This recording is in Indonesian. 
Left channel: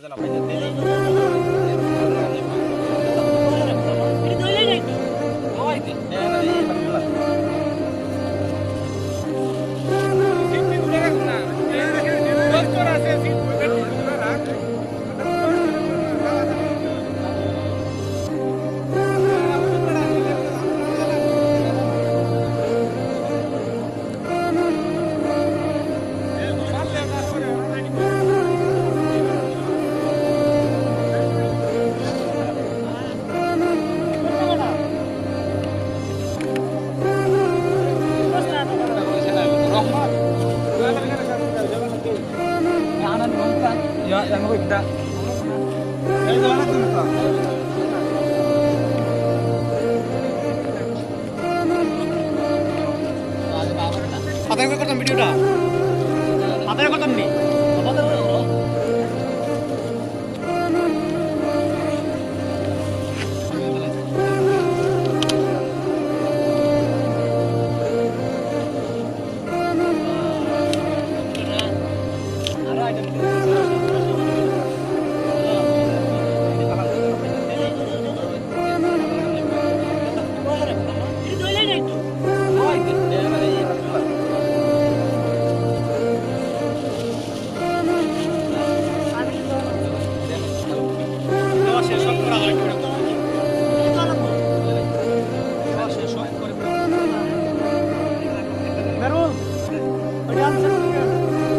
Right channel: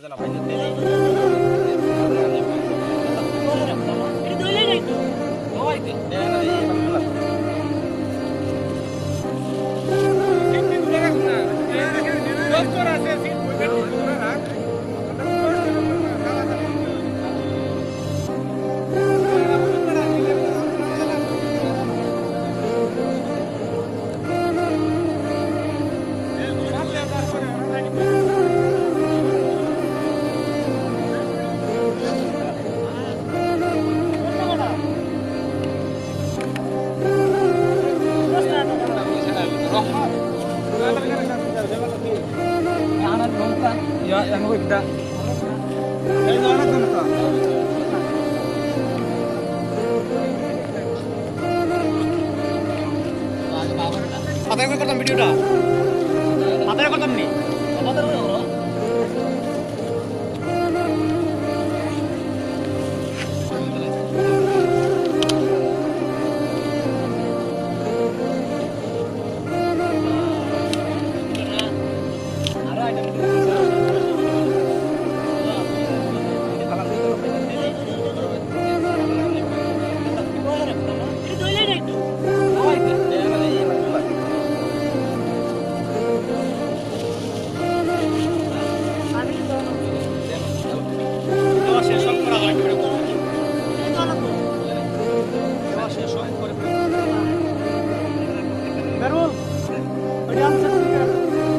Gracias. ya yang lebih kita Apa yang kau video dah? Apa yang kau tonton ni? Apa tu? Ada ada. Ik heb het niet. Ik Ik heb Ik heb